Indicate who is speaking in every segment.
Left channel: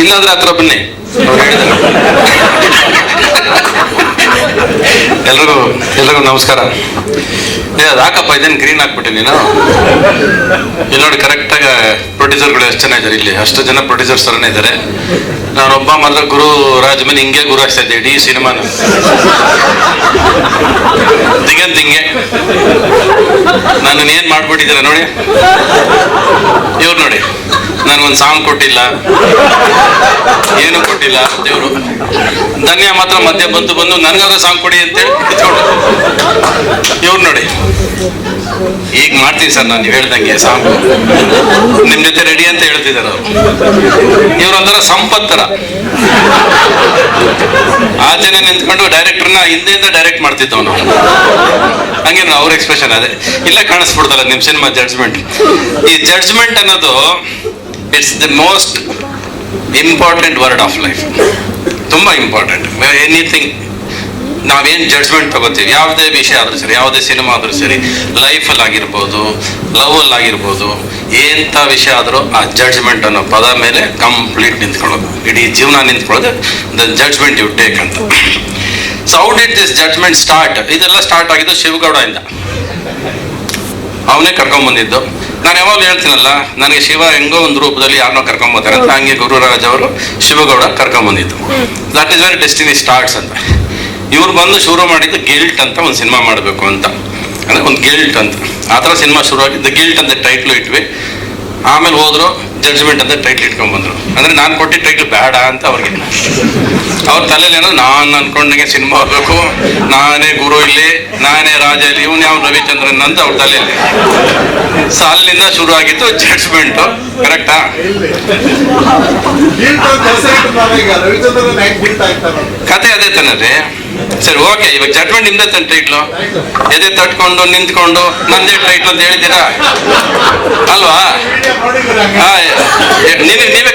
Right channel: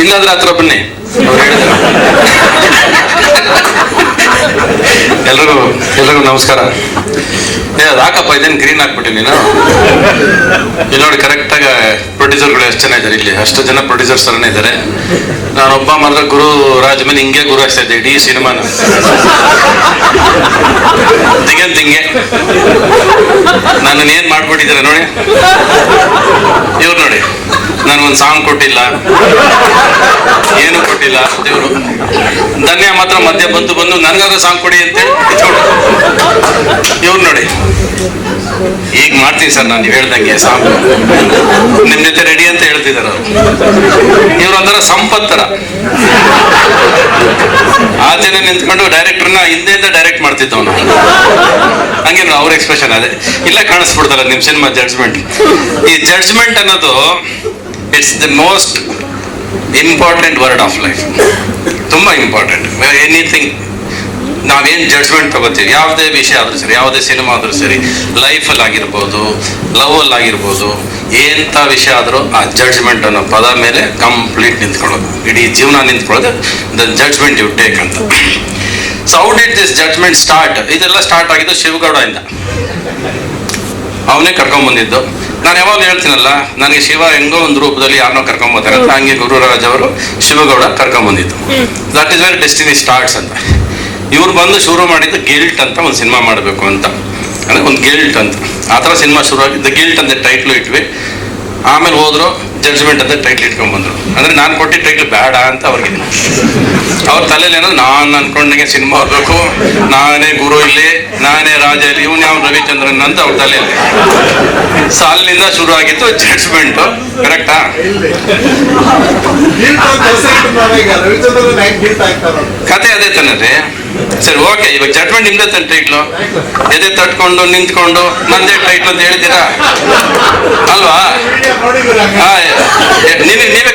Speaker 1: ಇಲ್ಲಾಂದ್ರೆ ಹತ್ರ ಬನ್ನಿ. ಎಲ್ರಿಗೂ ಎಲ್ರಿಗೂ ನಮಸ್ಕಾರ. ಹಾಕಪ್ಪ, ಇದೇನು ಗ್ರೀನ್ ಹಾಕ್ಬಿಟ್ಟಿ ನೀನು? ಇಲ್ಲಿ ನೋಡಿ ಕರೆಕ್ಟಾಗಿ ಪ್ರೊಡ್ಯೂಸರ್ಗಳು ಎಷ್ಟು ಜನ ಇದ್ದಾರೆ ಇಲ್ಲಿ? ಅಷ್ಟು ಜನ ಪ್ರೊಡ್ಯೂಸರ್ಸ್ ಥರನೇ ಇದ್ದಾರೆ. ನಾನೊಬ್ಬ ಮಾತ್ರ ಗುರು, ರಾಜ್ ಮೇಲೆ ಹಿಂಗೆ ಗುರು ಆಗ್ತಾ ಇದ್ದೆ, ಇಡೀ ಸಿನಿಮಾನ. ತಿಂಗೆ ಹಿಂಗೆ ನಾನು ಏನ್ ಮಾಡ್ಬಿಟ್ಟಿದ್ದೀರ ನೋಡಿ? ಇವ್ರು ನೋಡಿ, ನನಗೊಂದು ಸಾಂಗ್ ಕೊಟ್ಟಿಲ್ಲ. ಏನು ಕೊಟ್ಟಿಲ್ಲ ದೇವರು ಧನ್ಯ ಮಾತ್ರ ಮಧ್ಯ ಬಂದು ಬಂದು ನನಗಾದ್ರೂ ಸಾಂಗ್ ಕೊಡಿ ಕಿತ್ಕೊಂಡು ಇವ್ರು ನೋಡಿ ಈಗ ಮಾಡ್ತೀವಿ ಸರ್ ನಾನು ಹೇಳ್ದಂಗೆ, ಸಾಕು. ನಿಮ್ ಜೊತೆ ರೆಡಿ ಅಂತ ಹೇಳ್ತಿದ್ದಾರೆ ಇವ್ರಂದ್ರ ಸಂಪತ್ತರ ಆ ಜನ ನಿಂತ್ಕೊಂಡು ಡೈರೆಕ್ಟರ್ನ ಹಿಂದೆಯಿಂದ ಡೈರೆಕ್ಟ್ ಮಾಡ್ತಿದ್ದವನು. ಹಂಗೆ ಅವ್ರ ಎಕ್ಸ್ಪ್ರೆಷನ್ ಅದೇ. ಇಲ್ಲ ಕಾಣಿಸ್ಬಿಡ್ತಲ್ಲ ನಿಮ್ ಸಿನಿಮಾ ಜಡ್ಜ್ಮೆಂಟ್ ಈ ಜಡ್ಜ್ಮೆಂಟ್ ಅನ್ನೋದು it's the most important word of life ತುಂಬಾ ಇಂಪಾರ್ಟೆಂಟ್ ಎನಿಥಿಂಗ್ ನಾವೇನ್ ಜಡ್ಜ್ಮೆಂಟ್ ತಗೋತೀವಿ. ಯಾವುದೇ ವಿಷಯ ಆದ್ರೂ ಸರಿ, ಯಾವುದೇ ಸಿನಿಮಾ ಆದ್ರೂ ಸರಿ ಲೈಫಲ್ಲಿ ಆಗಿರ್ಬೋದು ಲವ್ ಅಲ್ಲಿ ಆಗಿರ್ಬೋದು ಎಂಥ ವಿಷಯ ಆದ್ರೂ ಆ ಜಡ್ಜ್ಮೆಂಟ್ ಅನ್ನೋ ಪದ ಮೇಲೆ ಕಂಪ್ಲೀಟ್ ನಿಂತ್ಕೊಳ್ಳೋದು. ಇಡೀ ಜೀವನ ನಿಂತ್ಕೊಳ್ಳೋದು ದ ಜಡ್ಜ್ಮೆಂಟ್ ಯು ಟೇಕ್ ಅಂತ. So out it this judgment start ಇದೆಲ್ಲ ಸ್ಟಾರ್ಟ್ ಆಗಿದ್ದು ಶಿವಗೌಡ ಇಂದ. ಅವನೇ ಕರ್ಕೊಂಡ್ ಬಂದಿದ್ದು. ನಾನು ಯಾವಾಗಲೂ ಹೇಳ್ತೀನಲ್ಲ, ನನಗೆ ಶಿವ ಹೆಂಗೋ ಒಂದು ರೂಪದಲ್ಲಿ ಯಾರನ್ನೋ ಕರ್ಕೊಂಡ್ ಬರ್ತಾರೆ ಅಂತ. ಹಂಗೆ ಗುರುರಾಜ್ ಅವರು ಶಿವಗೌಡ ಕರ್ಕೊಂಡ್ ಬಂದಿದ್ದು. That is very destiny starts ಅಂತ. ಇವ್ರು ಬಂದು ಶುರು ಮಾಡಿದ್ದು ಗಿಲ್ಟ್ ಅಂತ ಒಂದು ಸಿನಿಮಾ ಮಾಡಬೇಕು ಅಂತ. ಅಂದ್ರೆ ಒಂದು ಗಿಲ್ಟ್ ಅಂತ. ಆ ಥರ ಸಿನಿಮಾ ಶುರು ಆಗಿದ್ದು ಗಿಲ್ಟ್ ಅಂತ ಟೈಟ್ಲು ಇಟ್ವಿ. ಆಮೇಲೆ ಹೋದ್ರು ಜಡ್ಜ್ಮೆಂಟ್ ಅಂತ ಟೈಟ್ಲ್ ಇಟ್ಕೊಂಡ್ ಬಂದ್ರು. ಅಂದ್ರೆ ನಾನು ಕೊಟ್ಟಿದ್ದ ಟೈಟ್ಲ್ ಬೇಡ ಅಂತ ಅವ್ರಿಗೆ ಅವ್ರ ತಲೆಯಲ್ಲಿ ಏನೋ ನಾನು ಅನ್ಕೊಂಡಂಗೆ ಸಿನಿಮಾ ಬರಬೇಕು ನಾನೇ ಗುರು ಇಲ್ಲಿ, ನಾನೇ ರಾಜ ಇಲ್ಲಿ, ಇವನು ಯಾವ ರವಿಚಂದ್ರನ್ ಅಂತ ಅವ್ರ ತಲೆಯಲ್ಲಿ ಸಾಲಿನಿಂದ ಶುರು ಆಗಿತ್ತು ಜಡ್ಜ್ಮೆಂಟ್ ಕರೆಕ್ಟಾ ಕತೆ ಅದೇ ತಾನೇ ಸರಿ ಓಕೆ ಇವಾಗ ಜಡ್ಜ್ಮೆಂಟ್ ನಿಮ್ದೇ ತಾನೆ ಟೈಟ್ಲು ಎದೆ ತಟ್ಕೊಂಡು, ನಿಂತ್ಕೊಂಡು, ನಂದೇ ಟೈಟ್ಲು ಅಂತ ಹೇಳ್ತೀರಾ ಅಲ್ವಾ? ನೀವೇ ನೀವೇ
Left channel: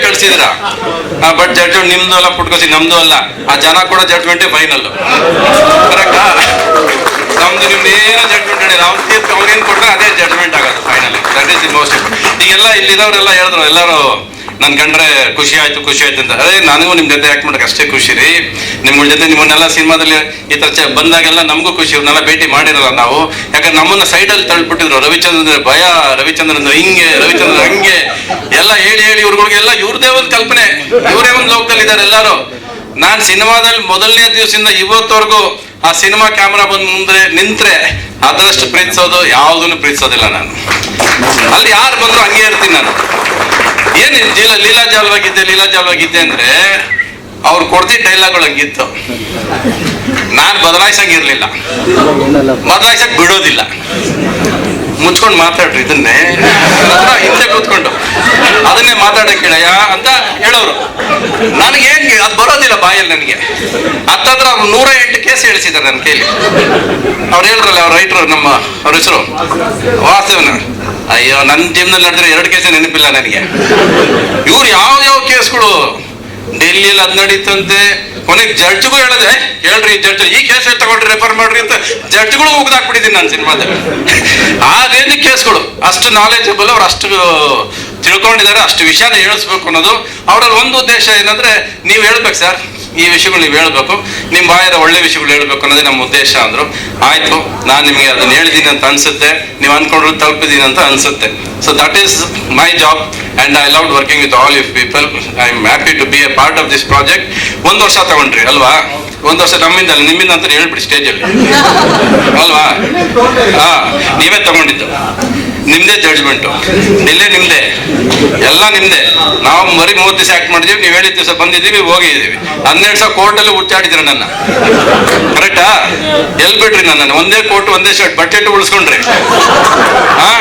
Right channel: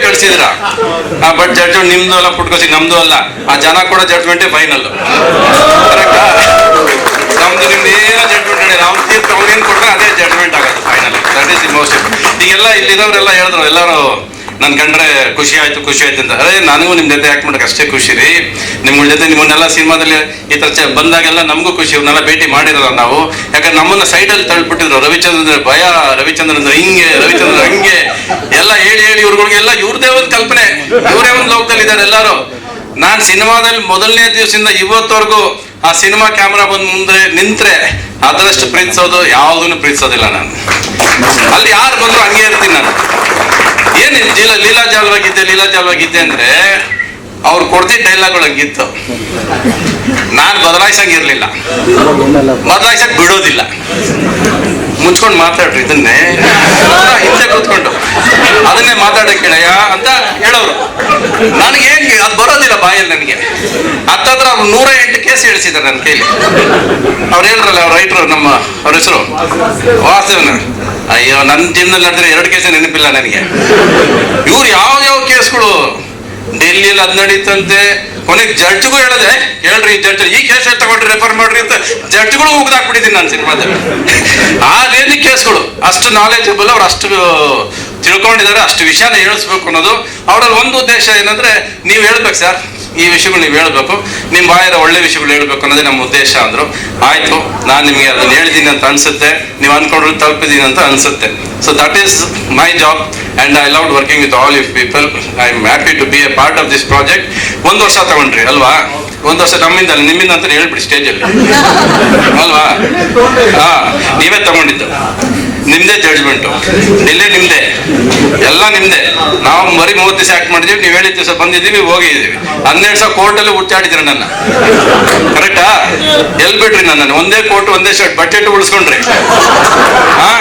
Speaker 1: ಆ ಬಟ್ ಜಡ್ಜ್ಮೆಂಟ್ ನಿಮ್ದು ಅಲ್ಲ ಪುಟ್ಕೋಸಿ, ನಮ್ದು ಅಲ್ಲ. ಆ ಜನ ಕೂಡ ಜಡ್ಜ್ಮೆಂಟೇ ಫೈನಲ್ ನಮ್ದು ನಿಮ್ದು ಏನೋ ಜಡ್ಜ್ಮೆಂಟ್ ಹೇಳಿ ನಾವು ತೀರ್ಪು ಅವ್ರೇನು ಕೊಟ್ರೆ ಅದೇ ಜಡ್ಜ್ಮೆಂಟ್ ಆಗೋದು final that is the most ಈಗೆಲ್ಲ ಇಲ್ಲಿರೋರೆಲ್ಲ ಹೇಳಿದ್ರು, ಎಲ್ಲರೂ ನನ್ ಕಂಡ್ರೆ ಖುಷಿ ಆಯ್ತು ಖುಷಿ ಆಯ್ತು ಅಂತ. ಅದೇ ನನಗೂ ನಿಮ್ ಜೊತೆ ಆಕ್ಟ್ ಮಾಡಕ್ ಅಷ್ಟೇ ಖುಷಿ ರೀ. ನಿಮ್ಗಳ ಜೊತೆ ನಿಮ್ಮನ್ನೆಲ್ಲ ಸಿನಿಮಾದಲ್ಲಿ ಈ ತರ ಬಂದಾಗೆಲ್ಲ ನಮಗೂ ಖುಷಿ, ಇವ್ರನ್ನೆಲ್ಲ ಭೇಟಿ ಮಾಡಿರಲ್ಲ ನಾವು. ಯಾಕಂದ್ರೆ ನಮ್ಮನ್ನ ಸೈಡಲ್ಲಿ ತಳ್ಬಿಟ್ಟಿದ್ರು ರವಿಚಂದ್ರ, ಭಯ, ರವಿಚಂದ್ರನ್, ಹಿಂಗೆ ರವಿಚಂದ್ರ ಹಂಗೆ. ಎಲ್ಲ ಹೇಳಿ ಹೇಳಿ ಇವ್ರಗಳಿಗೆಲ್ಲ ಇವ್ರದೇ ಒಂದು ಕಲ್ಪನೆ. ಇವರೇ ಒಂದು ಲೋಕದಲ್ಲಿ ಇದ್ದಾರೆ ಎಲ್ಲರೂ. ನಾನ್ ಸಿನಿಮಾದಲ್ಲಿ ಮೊದಲನೇ ದಿವಸದಿಂದ ಇವತ್ತವರೆಗೂ ಆ ಸಿನಿಮಾ ಕ್ಯಾಮ್ರಾ ಬಂದ್ ಮುಂದೆ ನಿಂತ್ರೆ ಅದರಷ್ಟು ಪ್ರೀತಿಸೋದು ಯಾವುದನ್ನು ಪ್ರೀತಿಸೋದಿಲ್ಲ ನಾನು. ಅಲ್ಲಿ ಯಾರು ಬಂದ್ರು ಹಂಗೆ ಇರ್ತೀನಿ ನಾನು. ಏನ್ ಲೀಲಾ ಲೀಲಾ ಜಾಲವಾಗಿದ್ದೆ ಲೀಲಾ ಜಾಲವಾಗಿದ್ದೆ ಅಂದ್ರೆ ಅವ್ರು ಕೊಡ್ತಿದ್ದ ಡೈಲಾಗ್ಗಳು ಹಂಗಿತ್ತು ನಾನ್ ಬದಲಾಯಿಸಂಗಿರ್ಲಿಲ್ಲ. ಬದಲಾಯಿಸಕ್ ಬಿಡೋದಿಲ್ಲ. ಮುಚ್ಕೊಂಡು ಮಾತಾಡ್ರಿ ಇದನ್ನೇ. ಹಿಂದೆ ಕೂತ್ಕೊಂಡು. ಅದನ್ನೇ ಮಾತಾಡ ಹೇಳಯ್ಯ ಅಂತ ಹೇಳೋರು. ನನಗೆ ಏನ್ ಅದು ಬರೋದಿಲ್ಲ ಬಾಯಲ್ಲಿ ನನಗೆ. ಹತ್ತತ್ರ ನೂರ ಎಂಟು ಕೇಸ್ ಹೇಳಿಸಿದ್ದಾರೆ ನನ್ನ ಕೈಲಿ. ಅವ್ರು ಹೇಳಿದ್ರಲ್ಲ ಅವ್ರ ರೈಟ್ರು ನಮ್ಮ ಅವ್ರ ಹೆಸರು ವಾಸವನ ಅಯ್ಯೋ ನನ್ನ ಟೀಮ್ನಲ್ಲಿ ನಡೆದ್ರೆ ಎರಡು ಕೇಸೇ ನೆನಪಿಲ್ಲ ನನಗೆ. ಇವ್ರು ಯಾವ ಯಾವ ಕೇಸ್ಗಳು ಡೆಲ್ಲಿಯಲ್ಲಿ ಅದ್ ನಡೀತಂತೆ. ಕೊನೆಗೆ ಜಡ್ಜ್ಗೂ ಹೇಳಿದೆ ಹೇಳ್ರಿ ಜಡ್ಜ್ ಈ ಕೇಸ್ ತಗೊಂಡ್ರಿ ರೆಫರ್ ಮಾಡ್ರಿ ಅಂತ ಜಡ್ಜ್ಗಳು ಮುಗ್ದಾಕ್ಬಿಟ್ಟಿದ್ದೀನಿ ನಾನು ಆ ರೇಂಜ್ ಕೇಸ್ಗಳು ಅಷ್ಟು ನಾಲೆಜಬಲ್ ಅವ್ರು ಅಷ್ಟು ತಿಳ್ಕೊಂಡಿದ್ದಾರೆ ಅಷ್ಟು ವಿಷಯನ ಹೇಳಿಸ್ಬೇಕು ಅನ್ನೋದು. ಅವರಲ್ಲಿ ಒಂದು ಉದ್ದೇಶ ಏನಂದ್ರೆ, ನೀವು ಹೇಳ್ಬೇಕು ಸರ್ ಈ ವಿಷಯಗಳು ನೀವು ಹೇಳ್ಬೇಕು. ನಿಮ್ಮ ಬಾಯದ ಒಳ್ಳೆ ವಿಷಯಗಳು ಹೇಳ್ಬೇಕು ಅನ್ನೋದೇ ನಮ್ಮ ಉದ್ದೇಶ ಅಂದ್ರು. ಆಯ್ತು, ನಾನು ನಿಮಗೆ ಅದನ್ನ ಹೇಳಿದ್ದೀನಿ ಅಂತ ಅನ್ಸುತ್ತೆ. ನೀವು ಅನ್ಕೊಂಡ್ರು ತಲುಪಿದ್ದೀನಿ ಅಂತ ಅನ್ಸುತ್ತೆ. So that is my job and I love working with all you people I am happy to be a part of this project ಒಂದು ವರ್ಷ ತಗೊಂಡ್ರಿ, ಅಲ್ವಾ? ಒಂದು ವರ್ಷ ನಮ್ಮಿಂದ ಅಲ್ಲ, ನಿಮ್ಮಿಂದ ಅಂತ ಹೇಳ್ಬಿಡಿ ಸ್ಟೇಜಲ್ಲಿ ಅಲ್ವಾ? ಹಾ, ನೀವೇ ತಗೊಂಡಿದ್ದು. ನಿಮ್ದೇ ಜಡ್ಜ್ಮೆಂಟು ಇಲ್ಲೇ ನಿಮ್ದೇ. ಎಲ್ಲ ನಿಮ್ದೆ. ನಾವು ಬರೀ ಮೂವತ್ತು ದಿವಸ ಆಕ್ಟ್ ಮಾಡಿದೀವಿ, ನೀವು ಹೇಳಿದ ದಿವಸ ಬಂದಿದ್ದೀವಿ ಹೋಗಿದ್ದೀವಿ ಹನ್ನೆರಡು ಸಾವಿರ ಕೋರ್ಟಲ್ಲಿ ಹುಚ್ಚಾಡಿದ್ರಿ ನನ್ನ. ಕರೆಕ್ಟಾ ಎಲ್ ಬಿಡ್ರಿ ನನ್ನ ಒಂದೇ ಕೋರ್ಟ್ ಒಂದೇ ಶರ್ಟ್ ಬಜೆಟ್ ಉಳಿಸ್ಕೊಂಡ್ರಿ. ಹಾ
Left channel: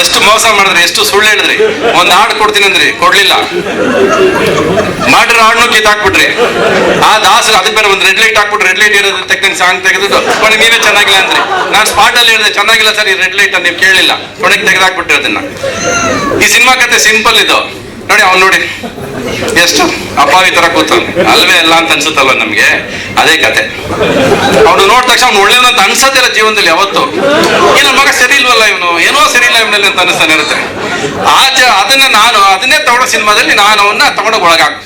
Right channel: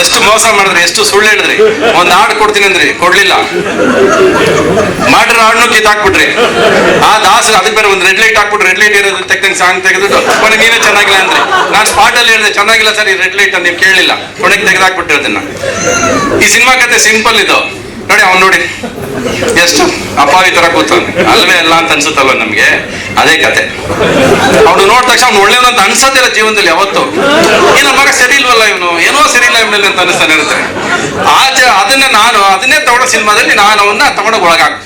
Speaker 1: ಎಷ್ಟು ಮೋಸ ಮಾಡಿದ್ರಿ, ಎಷ್ಟು ಸುಳ್ಳು ಹೇಳಿದ್ರಿ. ಒಂದ್ ಹಾಡು ಕೊಡ್ತೀನಿ ಅಂದ್ರಿ, ಕೊಡ್ಲಿಲ್ಲ. ಮಾಡಿರೋ ಕಿತ್ ಹಾಕ್ಬಿಟ್ರಿ. ಆ ದಾಸ ಅದಕ್ಕೆ ಬೇರೆ ಒಂದು ರೆಡ್ ಲೈಟ್ ಹಾಕ್ಬಿಟ್ರೆ ರೆಡ್ ಲೈಟ್ ಇರೋದು ತೆಗ್ದಂಗೆ ಸಾಂಗ್ ತೆಗೆದು ಕೊನೆಗೆ ನೀನೇ ಚೆನ್ನಾಗಿಲ್ಲ ಅಂದ್ರೆ. ನಾನು ಸ್ಪಾಟ್ ಅಲ್ಲಿ ಹೇಳಿದೆ, ಚೆನ್ನಾಗಿಲ್ಲ ಸರ್, ಈ ರೆಡ್ ಲೈಟ್ ಅಂತ ನೀವು ಕೇಳಿಲ್ಲ. ಕೊನೆಗೆ ತೆಗೆದಾಕ್ಬಿಟ್ರಿ ಅದನ್ನ. ಈ ಸಿನಿಮಾ ಕತೆ ಸಿಂಪಲ್ ಇದು. ನೋಡಿ ಅವ್ನು ನೋಡಿ. ಎಷ್ಟು? ಅಪಾವಿ ತರ ಕೂತಾನೆ. ಅಲ್ವೇ ಅಲ್ಲ ಅಂತ ಅನ್ಸುತ್ತಲ್ವ ನಮ್ಗೆ? ಅದೇ ಕತೆ. ಅವನು ನೋಡಿದ ತಕ್ಷಣ ಅವ್ನು ಒಳ್ಳೆಯವನು ಅಂತ ಅನ್ಸೋದಿಲ್ಲ ಜೀವನದಲ್ಲಿ ಯಾವತ್ತು. ಏನ ಮಗ ಸರಿ ಇಲ್ವಲ್ಲ ಇವನು? ಏನೋ ಸರಿ ಇಲ್ಲ ಇವನಲ್ಲಿ ಅಂತ ಅನಿಸ್ತಾನೆ ಇರುತ್ತೆ. ಆಚೆ ಅದನ್ನ ನಾನು, ಅದನ್ನೇ ತಗೊಳ್ಳೋ ಸಿನಿಮಾದಲ್ಲಿ ನಾನು ಅವನ್ನ ತಗೊಂಡ ಒಳಗಾಕ್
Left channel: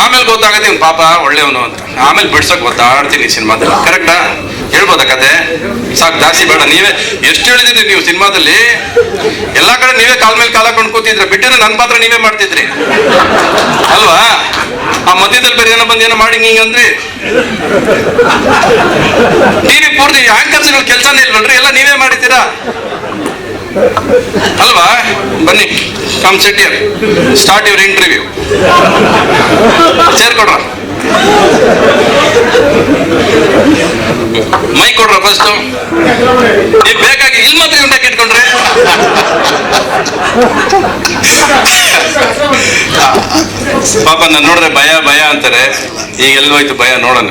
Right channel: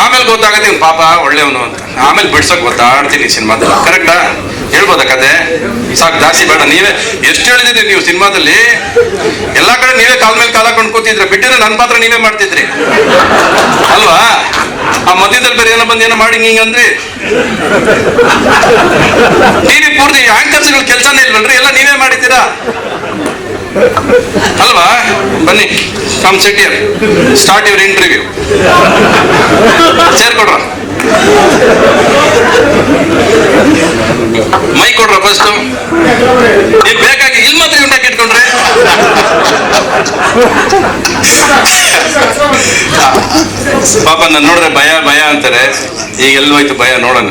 Speaker 1: ಆಮೇಲೆ ಗೊತ್ತಾಗತ್ತೆ ಇವ್ನು ಪಾಪ ಒಳ್ಳೆಯವನು ಅಂತ. ಆಮೇಲೆ ಬಿಡ್ಸಕ್ ಗೊತ್ತಾಡ್ತೀನಿ ಸಿನಿಮಾದಲ್ಲಿ. ಕರೆಕ್ಟಾ ಹೇಳ್ಬೋದಾ ಕತೆ? ಸಾಕು, ಜಾಸ್ತಿ ಬೇಡ. ನೀವೇ ಎಷ್ಟು ಹೇಳಿದ್ರಿ ನೀವು ಸಿನಿಮಾದಲ್ಲಿ? ಎಲ್ಲಾ ಕಡೆ ನೀವೇ ಕಾಲ್ ಮೇಲೆ ಕಾಲ ಕೂತಿದ್ರೆ ಬಿಟ್ಟಿದ್ರೆ ನನ್ನ ಪಾತ್ರ ನೀವೇ ಮಾಡ್ತಿದ್ರಿ. ಅಲ್ವಾ? ಆ ಮಧ್ಯದಲ್ಲಿ ಬೇರೆ ಏನೋ ಬಂದು ಏನೋ ಮಾಡಿ ನೀ ಅಂದ್ರಿ. ಟಿವಿ ಪೂರ್ತಿ ಆಂಕರ್ಸ್ ಕೆಲಸನೇ ಇಲ್ವಲ್ರಿ? ಎಲ್ಲ ನೀವೇ ಮಾಡಿದ್ದೀರಾ? ಅಲ್ವಾ? ಬನ್ನಿ come sit start your interview chair ಕೊಡ್ರ. ಮೈ ಕೊಡ್ರ ಫಸ್ಟ್ ನೀವು ಬೇಕಾಗಿ ಇಲ್ಲಿ ಮಾತ್ರ ಇವ್ನ ಇಟ್ಕೊಂಡ್ರೆ? ಪಾಪ, ನಾನು ನೋಡಿದ್ರೆ ಭಯ ಭಯ ಅಂತಾರೆ. ಈಗ ಎಲ್ಲೋಯ್ತು ಭಯ ನೋಡೋಣ.